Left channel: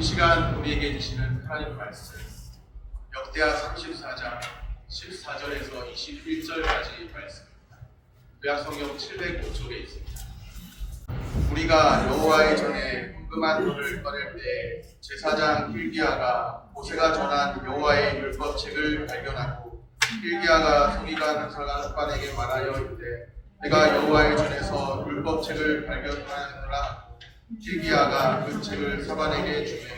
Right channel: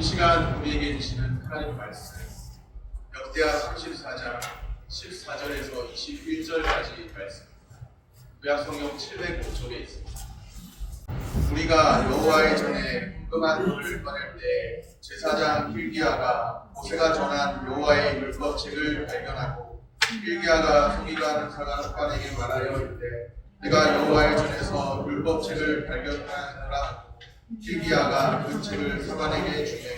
이 시간 우리에게 주시는 하나님 말씀 역대하 34장 14절에서 21절까지 말씀입니다. 구약성경 705쪽에 있습니다. 우리가 여호와의 전에 궁금한 돈을 꺼낼 때 제사장 hil기야가 모세가 전한 여호와의 율법책을 발견하고 hil기야가 서기관 사관에게 말하여 이르되 내가 여호와의 전에서 율법책을 발견하였노라. hil기야가 그 책을 사반에게 주매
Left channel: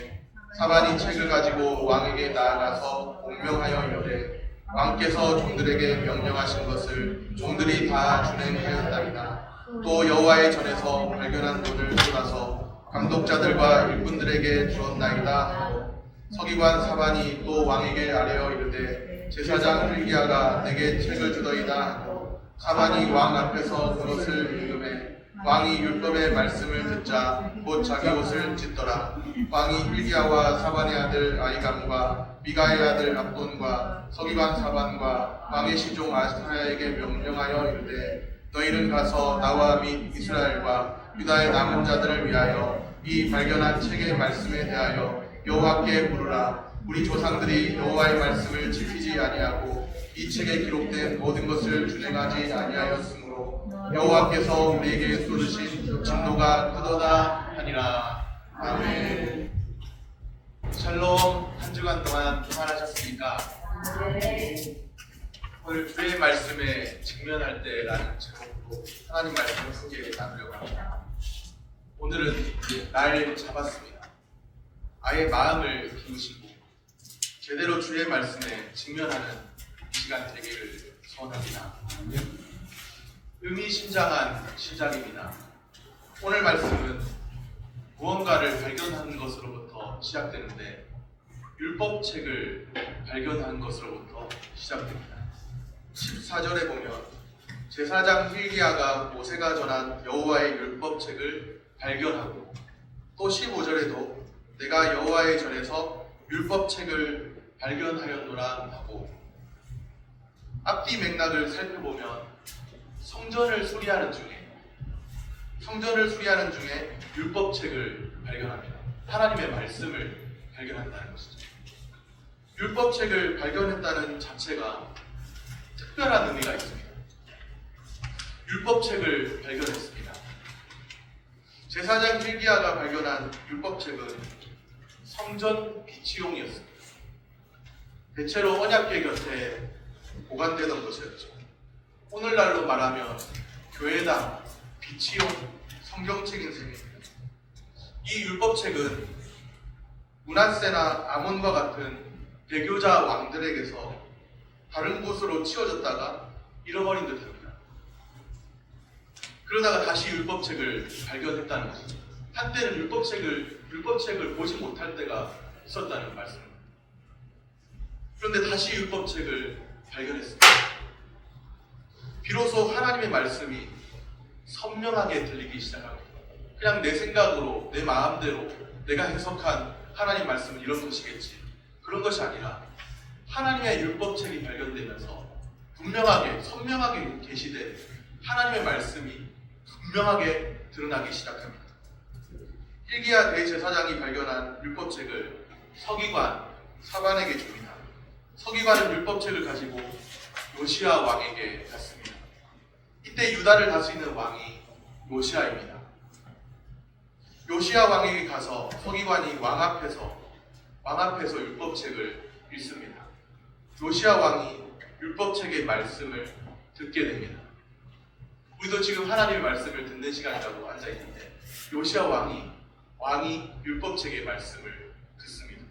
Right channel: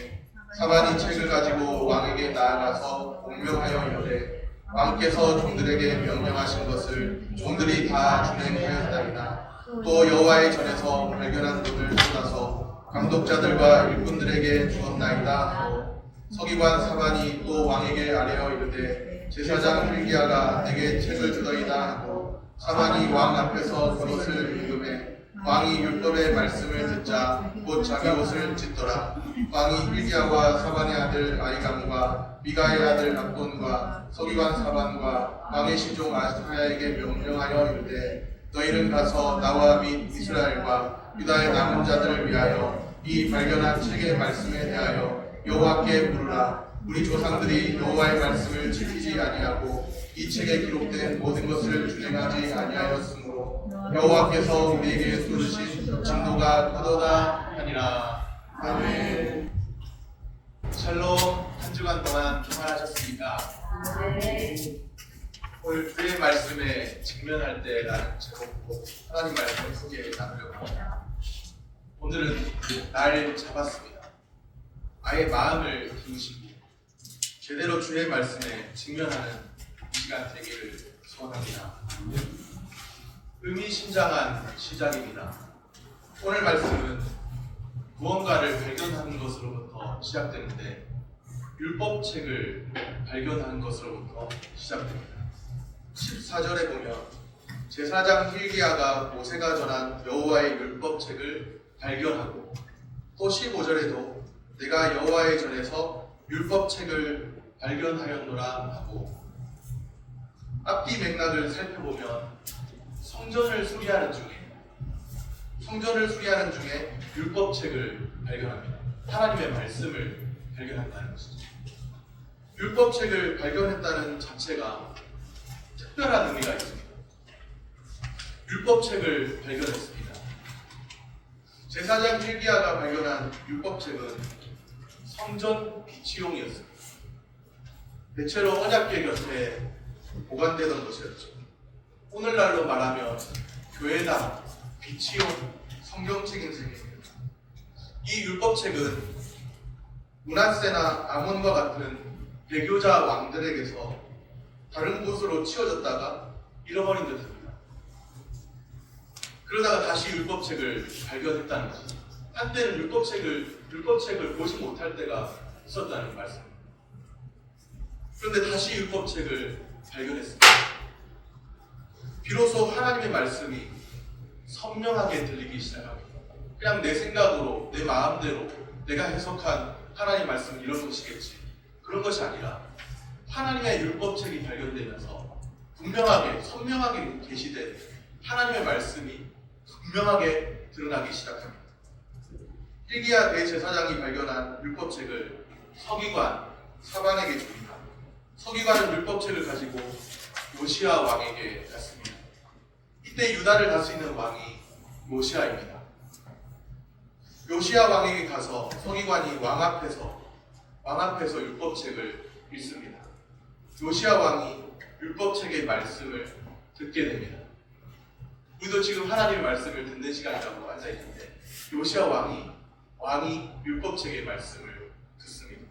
사반이 책을 가지고 왕에게 나아가서 공명하여 이르되 왕께서 종들에게 명령하신 것을 종들이 다 준행하였나이다. 또 여호와의 전에서 발견한 돈을 쏟아서 감독자들과 일꾼들에게 주었나이다 하고 서기관 사반이 또 왕에게 아뢰어 이르되 제사장 hil기야가 내게 책을 주더이다 하고 사반이 왕 앞에서 그것을 읽음에 왕이 율법의 말씀을 듣자 곧 자기 옷을 찢더라. 왕이 hil기야와 사반의 아들 아히감과 미가의 아들 압돈과 서기관 사반과 왕의 시종 아사야에게 명령하여 이르되 너희는 가서 나와 및 이스라엘과 유다의 남은 자들을 위하여 이 발견한 책의 말씀에 대하여 여호와께 물으라. 우리 조상들이 여호와의 말씀을 지키지 아니하고 이 책에 기록된 모든 것을 준행하지 아니하였으므로 여호와께서 우리에게 쏟으신 진노가 크도다 하니라. 아멘. 샬롬. 한 주간 동안 평안하셨습니까? 오늘 주의 말씀에 직면할 때라는 제목으로 하나님 말씀을 소개해 나누려고 합니다. 오늘은 날 잡았습니다. 아예 마음을 비우시고 제대로 주의 말씀에 직면하는 이 시간 되기를 소원합니다. 의미심장한 시작입니다. 오늘 말씀은 무언가를 발견하는 것으로부터 시작되는데 율법책을 발견하는 것으로부터 시작됩니다. 14절에 보면 제사장 hil기야가 모세가 전한 여호와의 율법책을 발견하고 또 15절에도 내가 여호와의 전에서 율법책을 발견하였노라 하고 앞뒤 맥락을 살펴보면 성전을 수리하는 중에 율법책을 발견합니다. 하나님의 말씀을 발견한다는 것이죠. 율법책을 발견했다는 자체가 특별한 의미가 있습니다. 율법책을 발견했습니다. 제사장 hil기야가 발견한 율법책은 성전 비치용이었습니다. 대체로 언약궤 곁에 보관되던 것이었죠. 오늘날로 말하면 교회당 비치용 성경책인 셈입니다. 이 율법책은 므낫세나 아몬과 같은 배교자 왕들에게서 다른 곳으로 치워졌다가 잃어버린 듯합니다. 그러다가 다시 율법책을 발견했다는 것이죠. 한때는 율법책을 보지 못할 때가 있었다는 말씀입니다. 그런데 다시 율법책을 발견했습니다. 비로소 하나님의 말씀이 선명하게 들리기 시작합니다. 그냥 내 생각으로, 내 마음대로 내가 해석한 하나님의 말씀은 이런 것이겠지, 그런 것이 아니라 하나님의 율법책이 발견되면서 분명하게, 선명하게 계시되 하나님의 말씀이 분명하게 드러나기 시작합니다. hil기야 대제사장이 발견한 율법책을 서기관 사반에게 줍니다. 서기관은 율법책을 가지고 요시야 왕에게 갔습니다. 이때 유다를 다스리는 왕이 요시야입니다. 요시야 왕에게 가서 서기관이 왕 앞에서 율법책을 읽습니다. 요시야 왕이 율법책의 말씀을 듣게 됩니다. 우리도 지금 하나님의 말씀을 듣는 시간이라고 앉아있는데 요시야 왕이 율법책의 말씀을 듣습니다.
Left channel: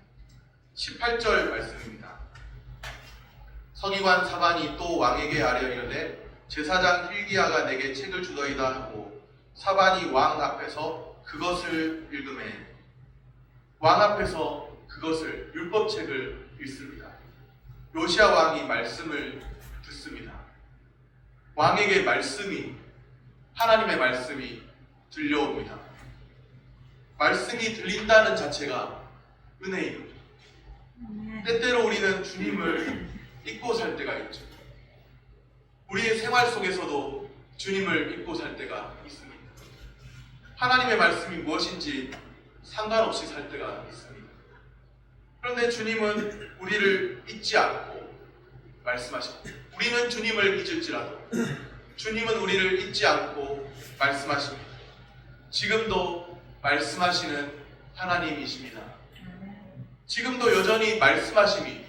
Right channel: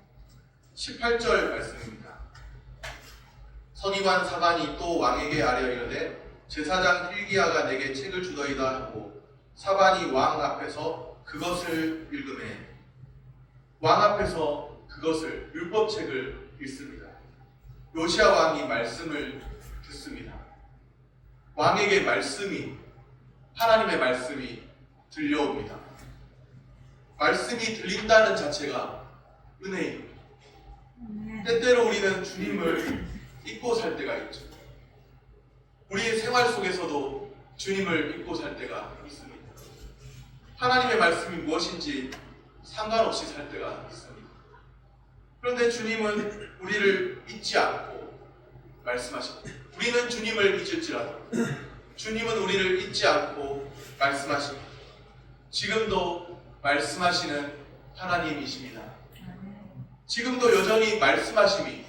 18절 말씀입니다. 서기관 사반이 또 왕에게 아뢰어 이르되 제사장 hil기야가 내게 책을 주더이다 하고 사반이 왕 앞에서 그것을 읽음에 왕 앞에서 그것을 율법책을 읽습니다. 요시야 왕이 말씀을 듣습니다. 왕에게 하나님의 말씀이 들려옵니다. 말씀이 들린다는 자체가 은혜입니다. 때때로 우리는 주님을 잊고 살 때가 있죠. 우리의 생활 속에서도 주님을 잊고 살 때가 있습니다. 하나님의 말씀이 무엇인지 상관없이 살 때가 있습니다. 그런데 주님은 우리를 잊지 않고 말씀하십니다. 우리는 주님을 잊을지라도 주님은 우리를 잊지 않고 말씀하십니다. 지금도 말씀하시는 하나님이십니다. 지금도 여전히 말씀하심이,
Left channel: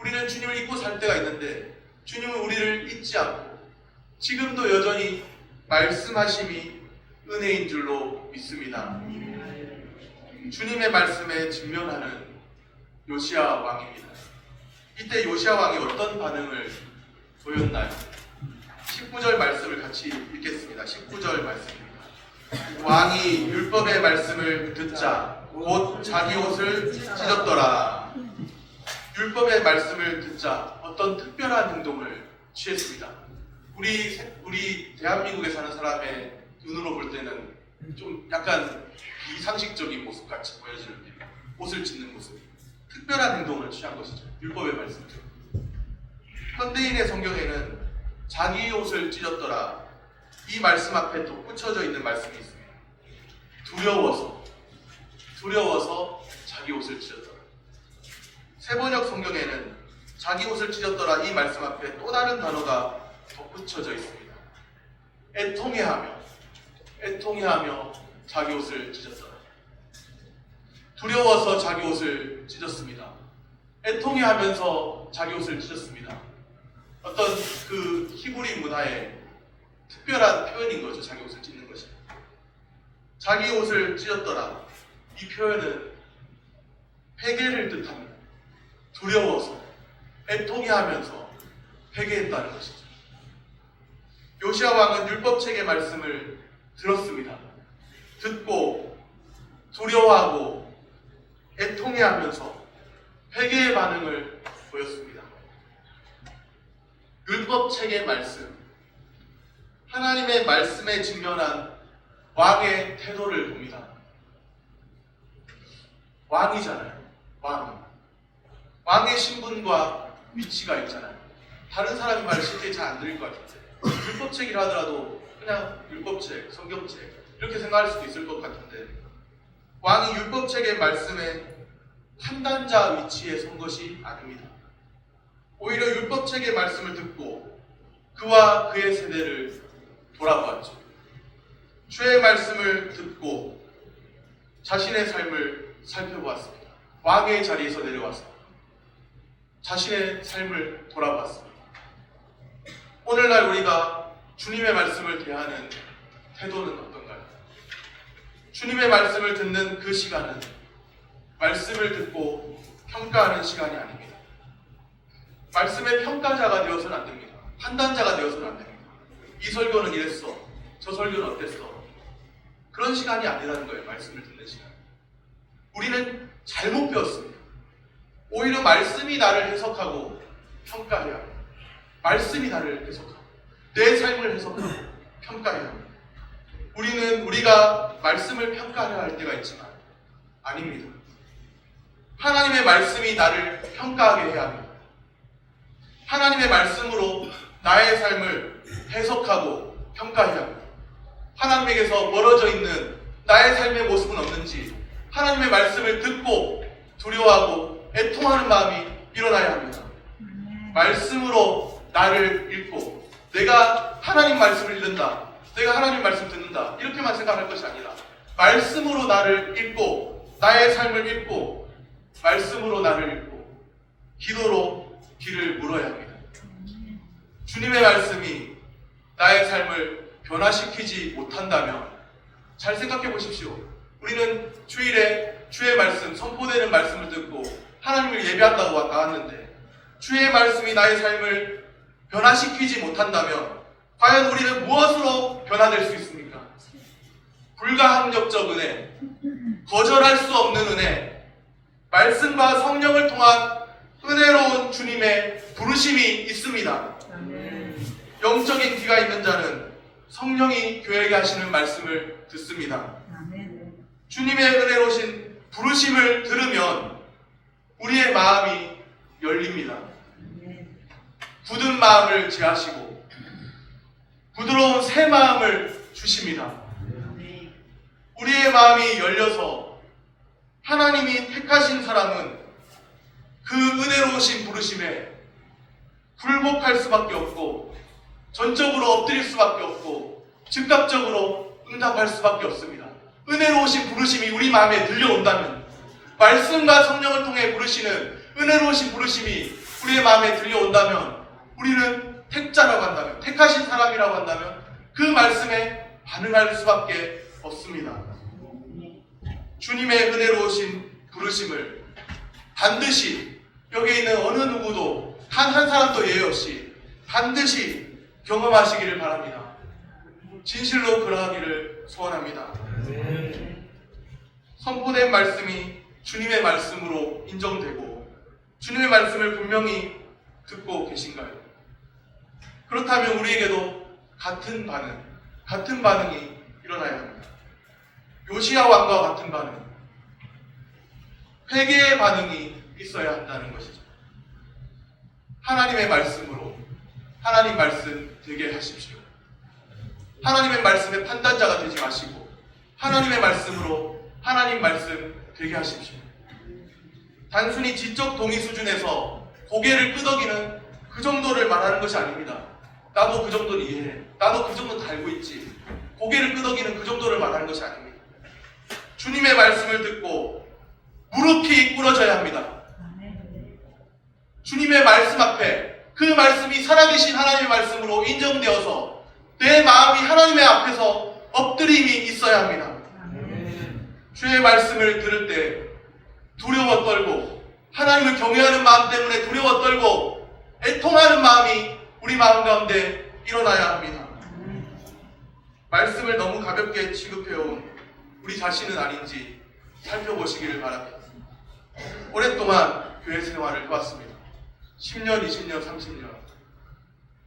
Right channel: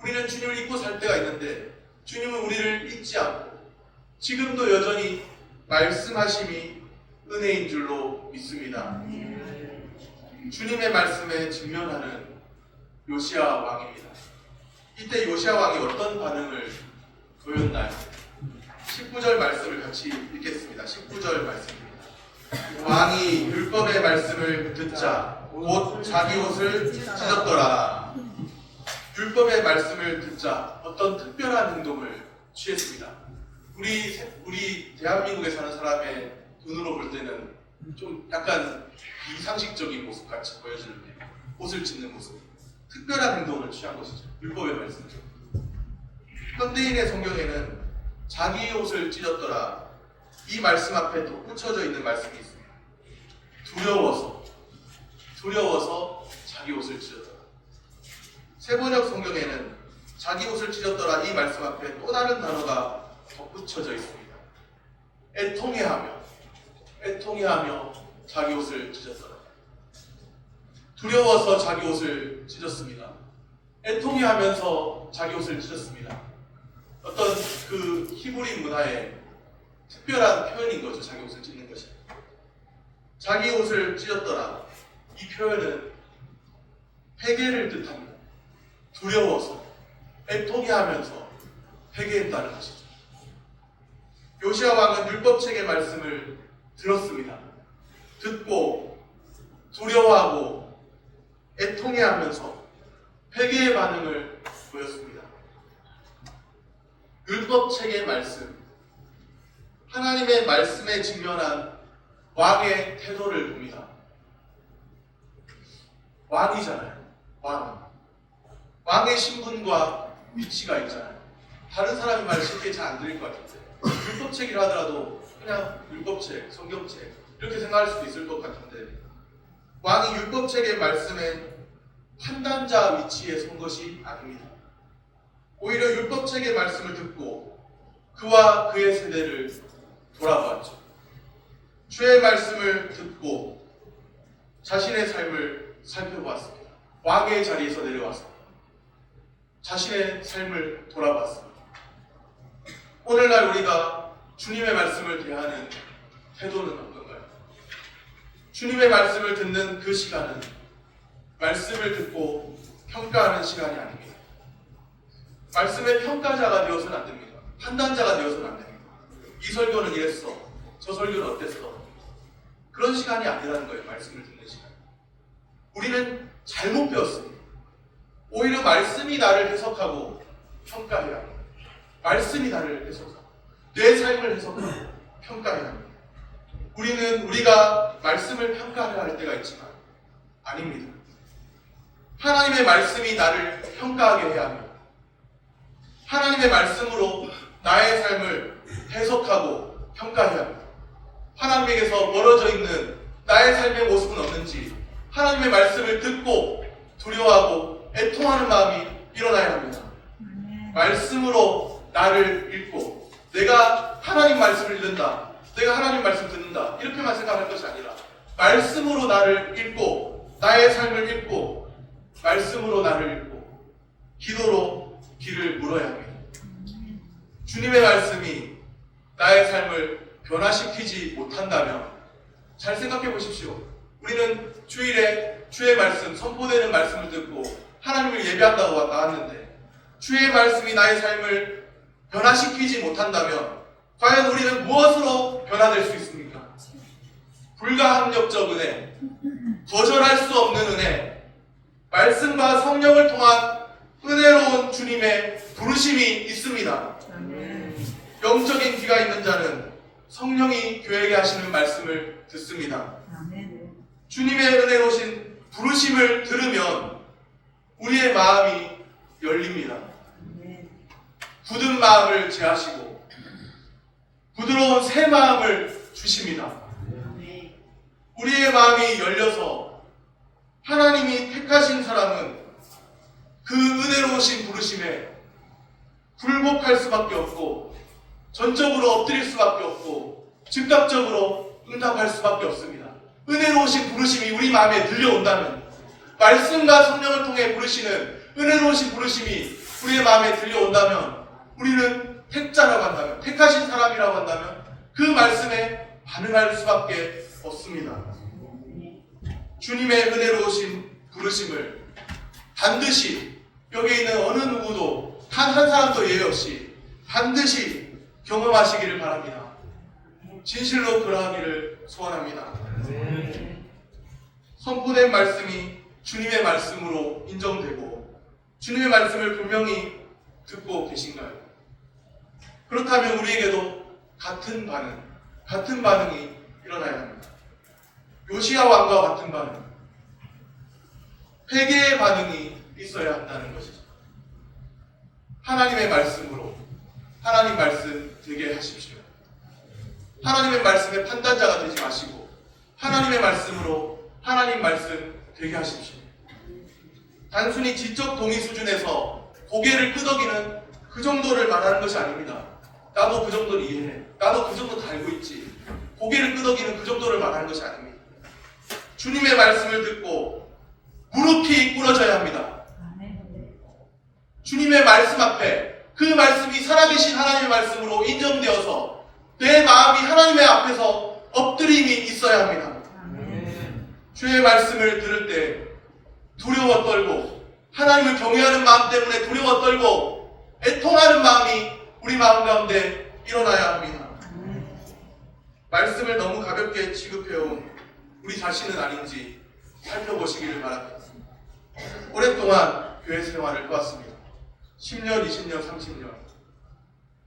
우리는 주님을 잊고 살 때가 있는데 주님은 우리를 잊지 않고 지금도 여전히 말씀하심이 은혜인 줄로 믿습니다. 주님의 말씀에 직면하는 요시야 왕입니다. 이때 요시야 왕이 어떤 반응을 보였나요? 19절 말씀을 같이 읽겠습니다. 19절 말씀입니다. 왕이 율법의 말씀을 듣자 곧 자기 옷을 찢었더라. 율법의 말씀을 듣자 어떤 특별한 행동을 취했습니다. 우리 대한민국에 사는 사람의 눈으로 볼 때는 좀 약간 비상식적인 모습 같이 보여지는데, 옷을 찢는 모습, 특별한 행동을 취한 것이죠. 율법의 말씀을 듣고. 현대인의 성경에는 자기 옷을 찢었더라, 이 말씀 앞에 또 붙여져 있는 말씀이 있습니다. 두려워서 자기 옷을 찢었더라. 세번역 성경에는 자기 옷을 찢었더라, 이 말씀 앞에 또 다른 단어가 덧붙여져 있습니다. 애통해하며 자기 옷을 찢었더라. 두려워서 자기 옷을 찢었습니다. 애통해하면서 자기 옷을 찢었습니다. 어떤 그 히브리 문화의 특별한 표현인 거죠. 자기 옷을 찢는 것이. 자기 옷을 찢었더라, 이 표현은 회개를 뜻합니다. 두려워서, 애통해하면서 회개했다는 것이죠. 요시야 왕은 율법책의 말씀을 들었습니다. 듣고 두려워하고 애통해하면서 회개의 반응을 보였습니다. 율법책의 말씀, 하나님의 말씀에 직면한 왕의 태도를 봅니다. 왕이잖아요. 왕의 신분과 위치가 있잖아요. 다른 사람의 말 쉽게 잘 안 들릴 것 같은데, 율법책이라 하더라도 그냥 율법책, 성경책 이렇게 생각할 수도 있을 것 같은데, 왕이 율법책의 말씀에 판단자 위치에 선 것이 아닙니다. 오히려 율법책의 말씀을 듣고 그와 그의 세대를 돌아보았죠. 주의 말씀을 듣고 자신의 삶을 살펴보았습니다. 왕의 자리에서 내려와서 자신의 삶을 돌아봤습니다. 오늘날 우리가 주님의 말씀을 대하는 태도는 어떤가요? 주님의 말씀을 듣는 그 시간은 말씀을 듣고 평가하는 시간이 아닙니다. 말씀의 평가자가 되어서는 안 됩니다. 판단자가 되어서는 안 됩니다. 이 설교는 이랬어, 저 설교는 어땠어, 그런 시간이 아니라는 거예요. 말씀을 듣는 시간. 우리는 잘못 배웠습니다. 오히려 말씀이 나를 해석하고 평가해야 합니다. 말씀이 나를 해석하고 내 삶을 해석하고 평가해야 합니다. 우리가 말씀을 평가해야 할 때가 있지만 아닙니다. 하나님의 말씀이 나를 평가하게 해야 합니다. 하나님의 말씀으로 나의 삶을 해석하고 평가해야 합니다. 하나님에게서 멀어져 있는 나의 삶의 모습은 없는지 하나님의 말씀을 듣고 두려워하고 애통하는 마음이 일어나야 합니다. 말씀으로 나를 읽고 내가 하나님 말씀을 읽는다, 내가 하나님 말씀 듣는다, 이렇게만 생각할 것이 아니라 말씀으로 나를 읽고 나의 삶을 읽고 말씀으로 나를 읽고 기도로 길을 물어야 합니다. 주님의 말씀이 나의 삶을 변화시키지 못한다면 잘 생각해 보십시오. 우리는 주일에 주의 말씀, 선포되는 말씀을 듣고 하나님을 예배한다고 나왔는데 주의 말씀이 나의 삶을 변화시키지 못한다면 과연 우리는 무엇으로 변화될 수 있습니까? 불가항력적 은혜, 거절할 수 없는 은혜, 말씀과 성령을 통한 은혜로운 주님의 부르심이 있습니다. 영적인 귀가 있는 자는 성령이 교회에게 하시는 말씀을 듣습니다. 주님의 은혜로우신 부르심을 들으면 우리의 마음이 열립니다. 굳은 마음을 제하시고 부드러운 새 마음을 주십니다. 우리의 마음이 열려서 하나님이 택하신 사람은 그 은혜로우신 부르심에 굴복할 수밖에 없고 전적으로 엎드릴 수밖에 없고 즉각적으로 응답할 수밖에 없습니다. 은혜로우신 부르심이 우리 마음에 들려온다면, 말씀과 성령을 통해 부르시는 은혜로우신 부르심이 우리의 마음에 들려온다면, 우리는 택자라고 한다면, 택하신 사람이라고 한다면 그 말씀에 반응할 수밖에 없습니다. 주님의 은혜로우신 부르심을 반드시 여기 있는 어느 누구도 단 한 사람도 예외 없이 반드시 경험하시기를 바랍니다. 진실로 그러하기를 소원합니다. 선포된 말씀이 주님의 말씀으로 인정되고 주님의 말씀을 분명히 듣고 계신가요? 그렇다면 우리에게도 같은 반응이 일어나야 합니다. 요시야 왕과 같은 반응, 회개의 반응이 있어야 한다는 것이죠. 하나님의 말씀으로 하나님 말씀 되게 하십시오. 하나님의 말씀의 판단자가 되지 마시고 하나님의 말씀으로 하나님 말씀 되게 하십시오. 단순히 지적 동의 수준에서 고개를 끄덕이는 그 정도를 말하는 것이 아닙니다. 나도 그 정도는 이해해, 나도 그 정도 알고 있지, 고개를 끄덕이는 그 정도를 말하는 것이 아닙니다. 주님의 말씀을 듣고 무릎이 꿇어져야 합니다. 주님의 말씀 앞에 그 말씀이 살아계신 하나님의 말씀으로 인정되어서 내 마음이 하나님의 앞에서 엎드림이 있어야 합니다. 주의 말씀을 들을 때 두려워 떨고 하나님을 경외하는 마음 때문에 두려워 떨고 애통하는 마음이 우리 마음 가운데 일어나야 합니다. 말씀을 너무 가볍게 취급해온 우리 자신은 아닌지 살펴보시기를 바랍니다. 오랫동안 교회 생활을 해왔습니다. 10년, 20년, 30년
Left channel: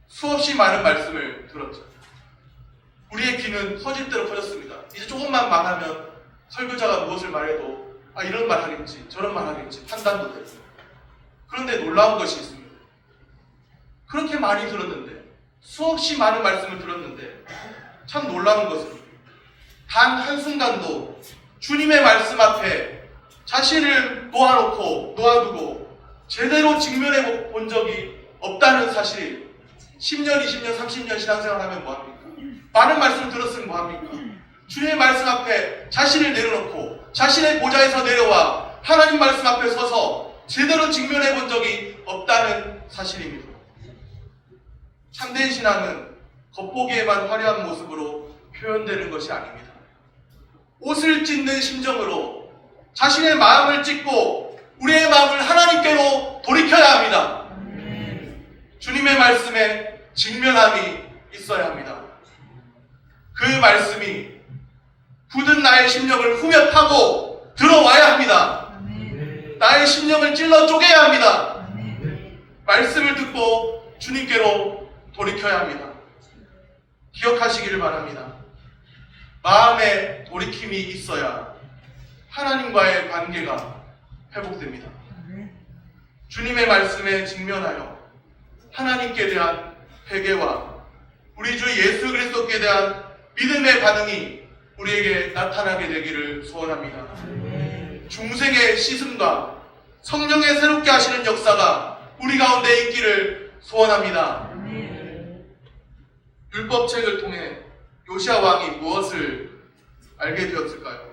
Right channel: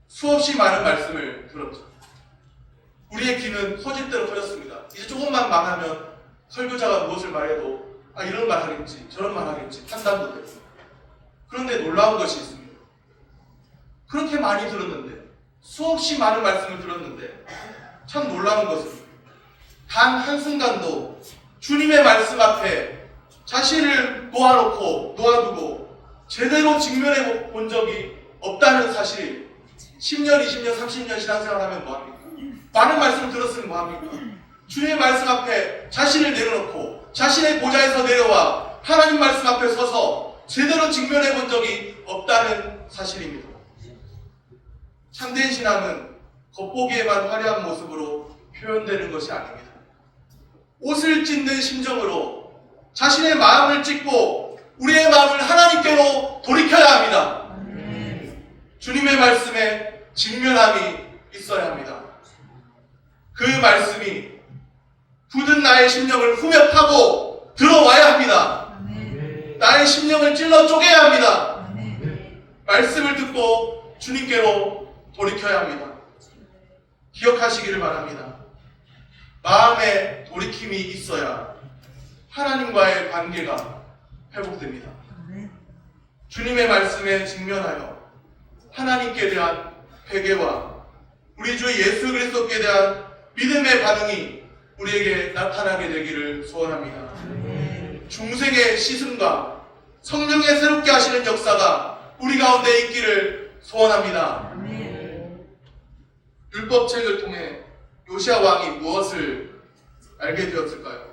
수없이 많은 말씀을 들었죠. 우리의 귀는 터질대로 터졌습니다. 이제 조금만 말하면 설교자가 무엇을 말해도 이런 말 하겠지, 저런 말 하겠지 판단도 되고. 그런데 놀라운 것이 있습니다. 그렇게 많이 들었는데, 수없이 많은 말씀을 들었는데 참 놀라운 것은 단 한순간도 주님의 말씀 앞에 자신을 놓아두고 제대로 직면해 본 적이 없다는 사실. 10년, 20년, 30년 신앙생활하면 뭐합니까? 많은 말씀 들었으면 뭐합니까? 주님의 말씀 앞에 자신을 내려놓고 자신의 보좌에서 내려와 하나님 말씀 앞에 서서 제대로 직면해 본 적이 없다는 사실입니다. 참된 신앙은 겉보기에만 화려한 모습으로 표현되는 것이 아닙니다. 옷을 찢는 심정으로 자신의 마음을 찢고 우리의 마음을 하나님께로 돌이켜야 합니다. 주님의 말씀에 직면함이 있어야 합니다. 그 말씀이 굳은 나의 심령을 후며 타고 들어와야 합니다. 나의 심령을 찔러 쪼개야 합니다. 말씀을 듣고 주님께로 돌이켜야 합니다. 기억하시기를 바랍니다. 마음에 돌이킴이 있어야 하나님과의 관계가 회복됩니다. 주님의 말씀에 직면하여 하나님께 대한 회개와 우리 주 예수 그리스도께 대한 믿음의 반응이 우리에게 나타나게 되기를 소원합니다. 중생의 씻음과 성령의 새롭게 하시는 역사가 우리 가운데 있기를 소원합니다. 율법책을 통해 요시야 왕이 무엇을 알게 되었을까요?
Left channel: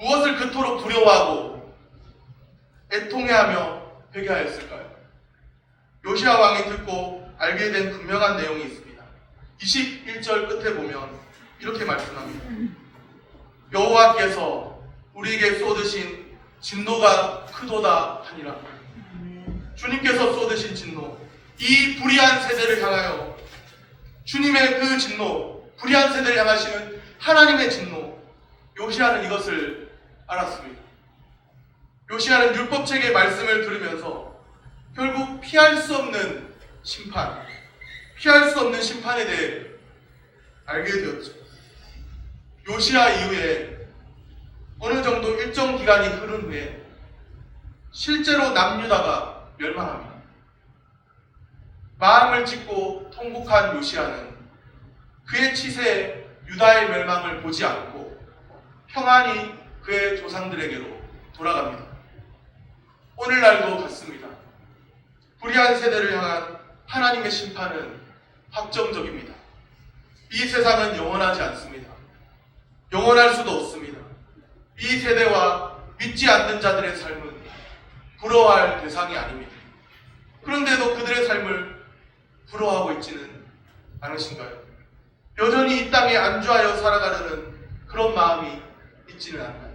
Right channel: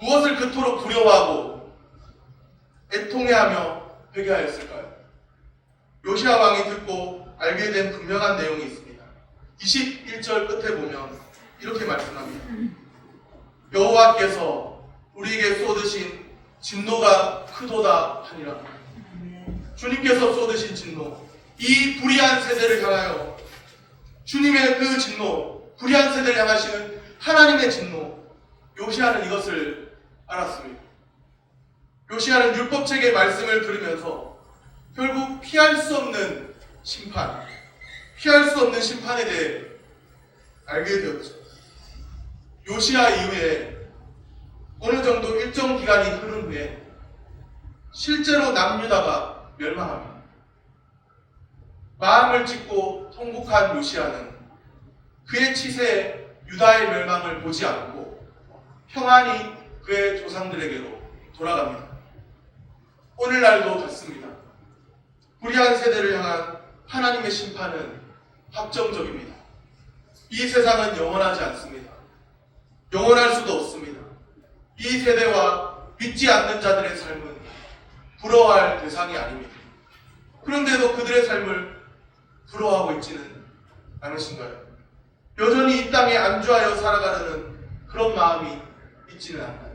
무엇을 그토록 두려워하고 애통해하며 회개하였을까요? 요시야 왕이 듣고 알게 된 분명한 내용이 있습니다. 21절 끝에 보면 이렇게 말씀합니다. 여호와께서 우리에게 쏟으신 진노가 크도다 하니라. 주님께서 쏟으신 진노, 이 불의한 세대를 향하여 주님의 그 진노, 불의한 세대를 향하시는 하나님의 진노, 요시야는 이것을 알았습니다. 요시야는 율법책의 말씀을 들으면서 결국 피할 수 없는 심판에 대해 알게 되었죠. 요시야 이후에 어느 정도 일정 기간이 흐른 후에 실제로 남유다가 멸망합니다. 마음을 찢고 통곡한 요시야는 그의 치세에 유다의 멸망을 보지 않고 평안히 그의 조상들에게로 돌아갑니다. 오늘날도 같습니다. 불의한 세대를 향한 하나님의 심판은 확정적입니다. 이 세상은 영원하지 않습니다. 영원할 수도 없습니다. 이 세대와 믿지 않는 자들의 삶은 부러워할 대상이 아닙니다. 그런데도 그들의 삶을 부러워하고 있지는 않으신가요? 여전히 이 땅에 안주하여 살아가려는 그런 마음이 있지는 않나요?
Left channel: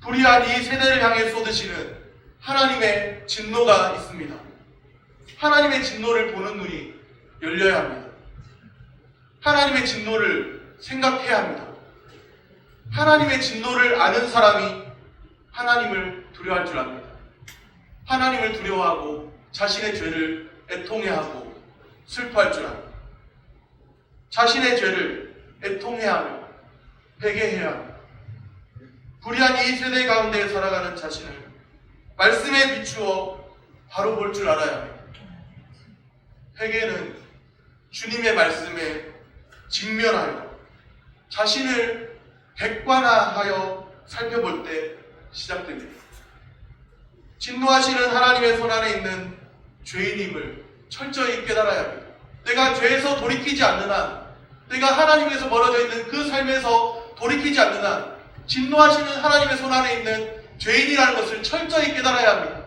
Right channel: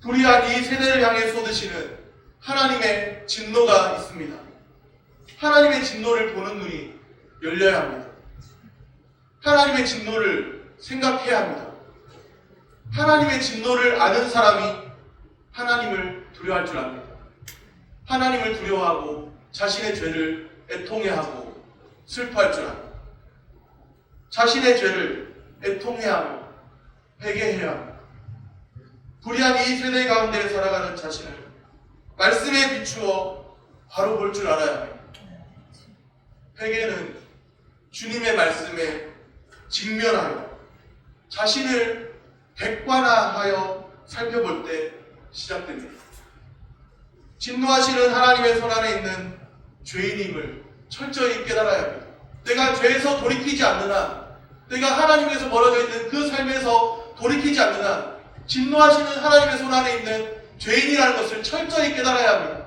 불의한 이 세대를 향해 쏟으시는 하나님의 진노가 있습니다. 하나님의 진노를 보는 눈이 열려야 합니다. 하나님의 진노를 생각해야 합니다. 하나님의 진노를 아는 사람이 하나님을 두려워할 줄 압니다. 하나님을 두려워하고 자신의 죄를 애통해하고 슬퍼할 줄 압니다. 자신의 죄를 애통해하며 회개해야 합니다. 불의한 이 세대 가운데 살아가는 자신을 말씀에 비추어 바로 볼 줄 알아야 합니다. 회개는 주님의 말씀에 직면하여 자신을 객관화하여 살펴볼 때 시작됩니다. 진노하시는 하나님의 손 안에 있는 죄인임을 철저히 깨달아야 합니다. 내가 죄에서 돌이키지 않는 한, 내가 하나님에서 멀어져 있는 그 삶에서 돌이키지 않는 한 진노하시는 하나님의 손 안에 있는 죄인이라는 것을 철저히 깨달아야 합니다.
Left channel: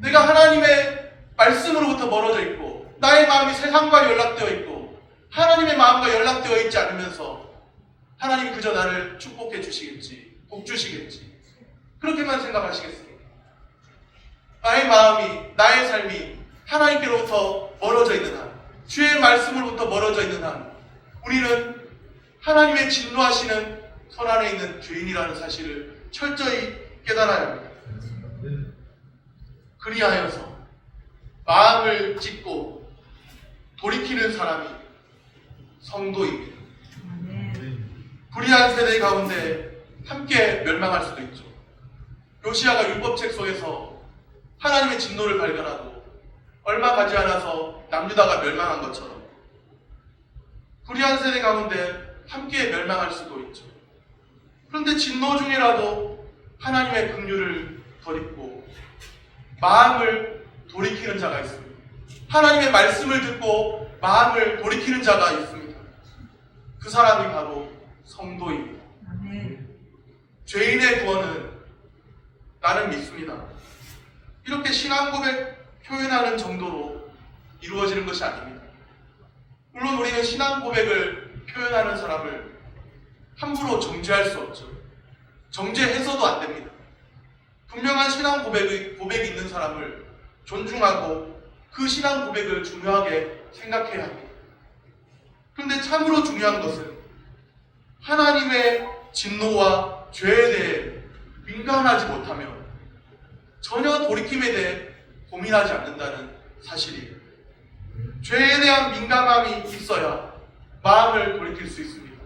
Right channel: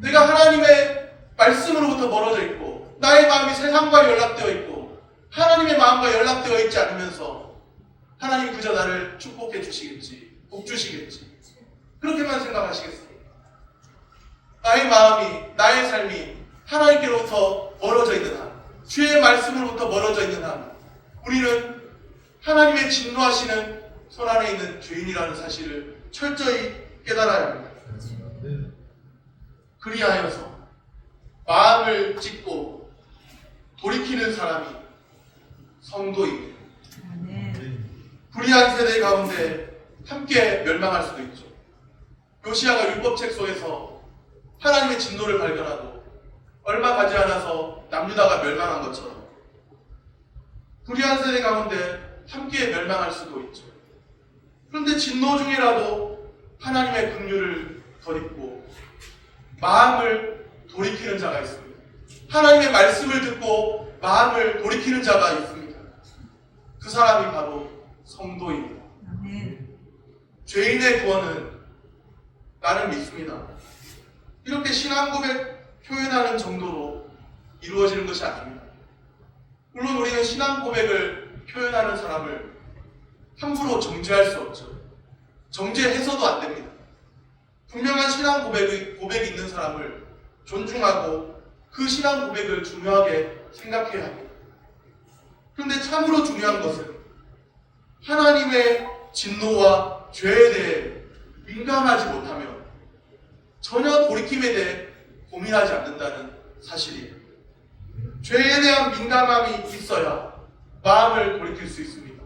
내가 하나님의 말씀으로부터 멀어져 있고 나의 마음이 세상과 연락되어 있고 하나님의 마음과 연락되어 있지 않으면서 하나님 그저 나를 축복해 주시겠지, 복 주시겠지, 그렇게만 생각하시겠습니까? 나의 마음이, 나의 삶이 하나님께로부터 멀어져 있는 한, 주의 말씀으로부터 멀어져 있는 한 우리는 하나님의 진노하시는 손 안에 있는 죄인이라는 사실을 철저히 깨달아야 합니다. 그리하여서 마음을 찢고 돌이키는 사람이 성도입니다. 불의한 세대 가운데 함께 멸망할 수도 있죠. 요시야가 율법책 속에서 하나님의 진노를 발견하고 얼마 가지 않아서 남유다가 멸망한 것처럼 불의한 세대 가운데 함께 멸망할 수도 있죠. 그런데 진노 중이라도 하나님의 긍휼을 덧입고 마음을 돌이키는 자가 있습니다. 하나님의 말씀을 듣고 마음을 돌이키는 자가 있습니다. 그 사람이 바로 성도입니다. 죄인의 구원은 나는 믿습니다. 이렇게 신앙 고백 표현하는 정도로 이루어지는 것이 아닙니다. 물론 우리는 신앙 고백을 표현하는 사람을 함부로 정죄할 수 없죠. 정죄해서도 안 됩니다. 분명한 신앙 고백이 있는 사람을 존중하고 그 신앙 고백을 중요하게 생각해야 합니다. 그런데 참으로 중요한 것은 하나님의 진노와 죄에 대해 민감하지 못하며 전혀 돌이킴에 대해 고민하지 않는다는 사실이에요. 죄에 대한 민감함이 있어야 마음을 돌이킬 수 있습니다.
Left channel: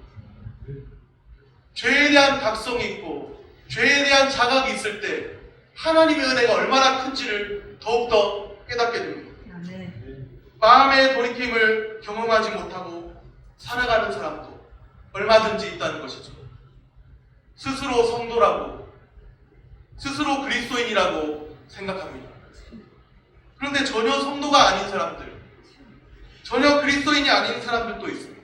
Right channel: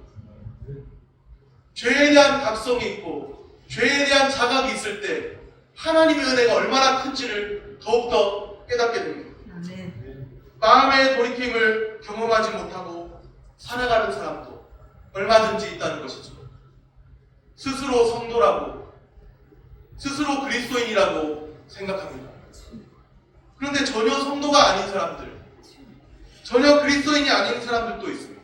죄에 대한 각성이 있고 죄에 대한 자각이 있을 때 하나님의 은혜가 얼마나 큰지를 더욱더 깨닫게 됩니다. 마음의 돌이킴을 경험하지 못하고 살아가는 사람도 얼마든지 있다는 것이죠. 스스로 성도라고, 스스로 그리스도인이라고 생각합니다. 그런데 전혀 성도가 아닌 사람들, 전혀 그리스도인이 아닌 사람들도 있습니다.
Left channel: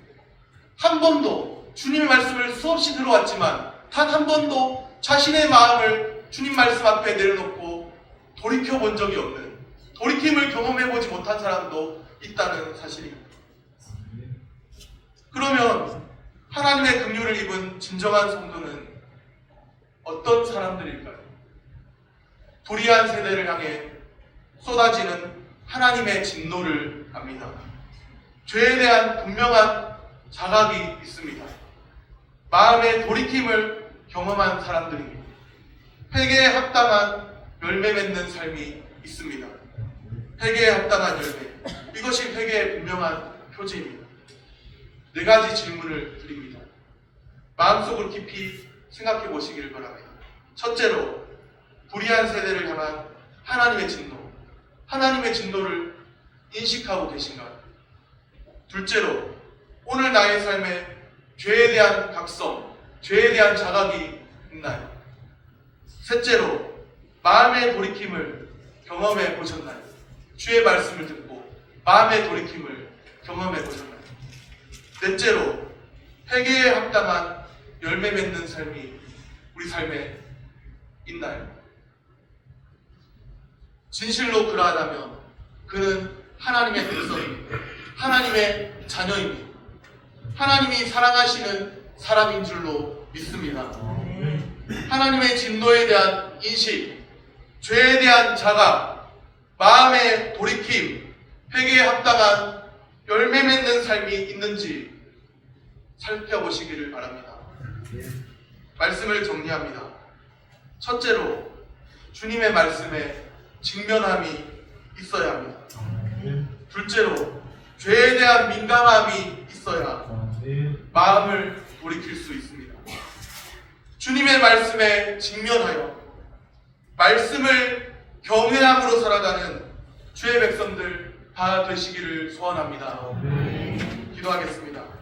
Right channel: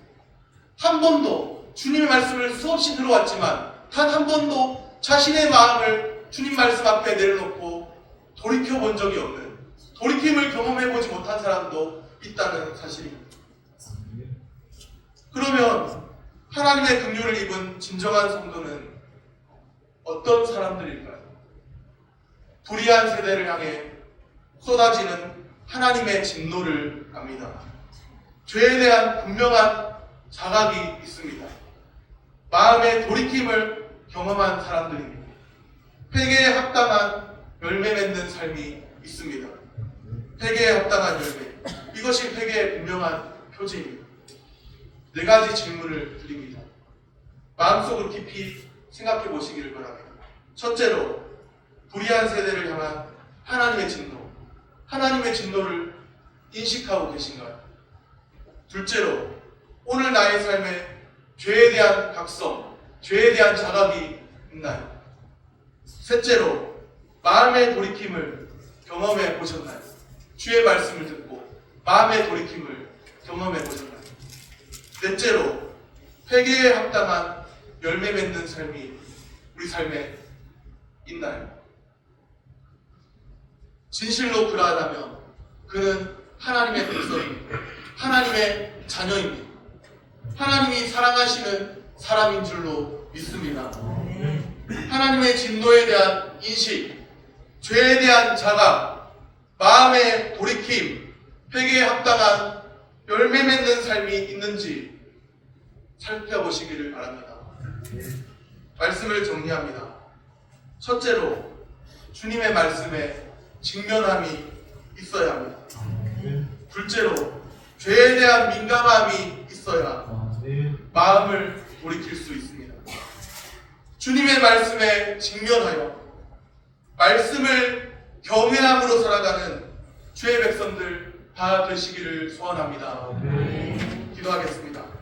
한 번도 주님의 말씀을 수없이 들어왔지만 단 한 번도 자신의 마음을 주님 말씀 앞에 내려놓고 돌이켜본 적이 없는, 돌이킴을 경험해보지 못한 사람도 있다는 사실입니다. 그러면 하나님의 긍휼을 입은 진정한 성도는 어떤 사람들일까요? 불의한 세대를 향해 쏟아지는 하나님의 진노를 압니다. 죄에 대한 분명한 자각이 있습니다. 마음의 돌이킴을 경험한 사람들입니다. 회개에 합당한 열매 맺는 삶이 있습니다. 회개에 합당한 열매, 이것이 회개의 분명한 표징입니다. 네 가지 질문을 드립니다. 마음속으로 깊이 생각해 보시기를 바랍니다. 첫째로, 불의한 세대를 향한 하나님의 진노, 하나님의 진노를 인식하고 계신가요? 둘째로, 오늘 나의 삶에 죄에 대한 각성, 죄에 대한 자각이 있나요? 셋째로 마음의 돌이킴을 경험해 보셨나요? 주의 말씀을 듣고 마음의 돌이킴을 경험해 보셨나요? 넷째로 회개에 합당한 열매 맺는 삶이 우리 삶에 있나요? 진실로 그러하다면 그는 하나님의 백성입니다. 하나님의 자녀입니다. 하나님이 사랑하시는 사람인 줄로 믿습니다. 하나님의 진노에 대한 인식, 죄에 대한 자각, 마음의 돌이킴, 회개에 합당한 열매 맺는 삶이 있는지 살펴보시기를 바랍니다. 말씀을 정리합니다. 첫째로 주님의 말씀에 직면함이 있어야 합니다. 둘째로 죄에 대한 민감함이 있어야 마음을 돌이킬 수 있습니다. 주님의 말씀에 직면하여 말씀을 경외함으로 살아가는 주의 백성들 다 되시기를 소원합니다. 기도하겠습니다.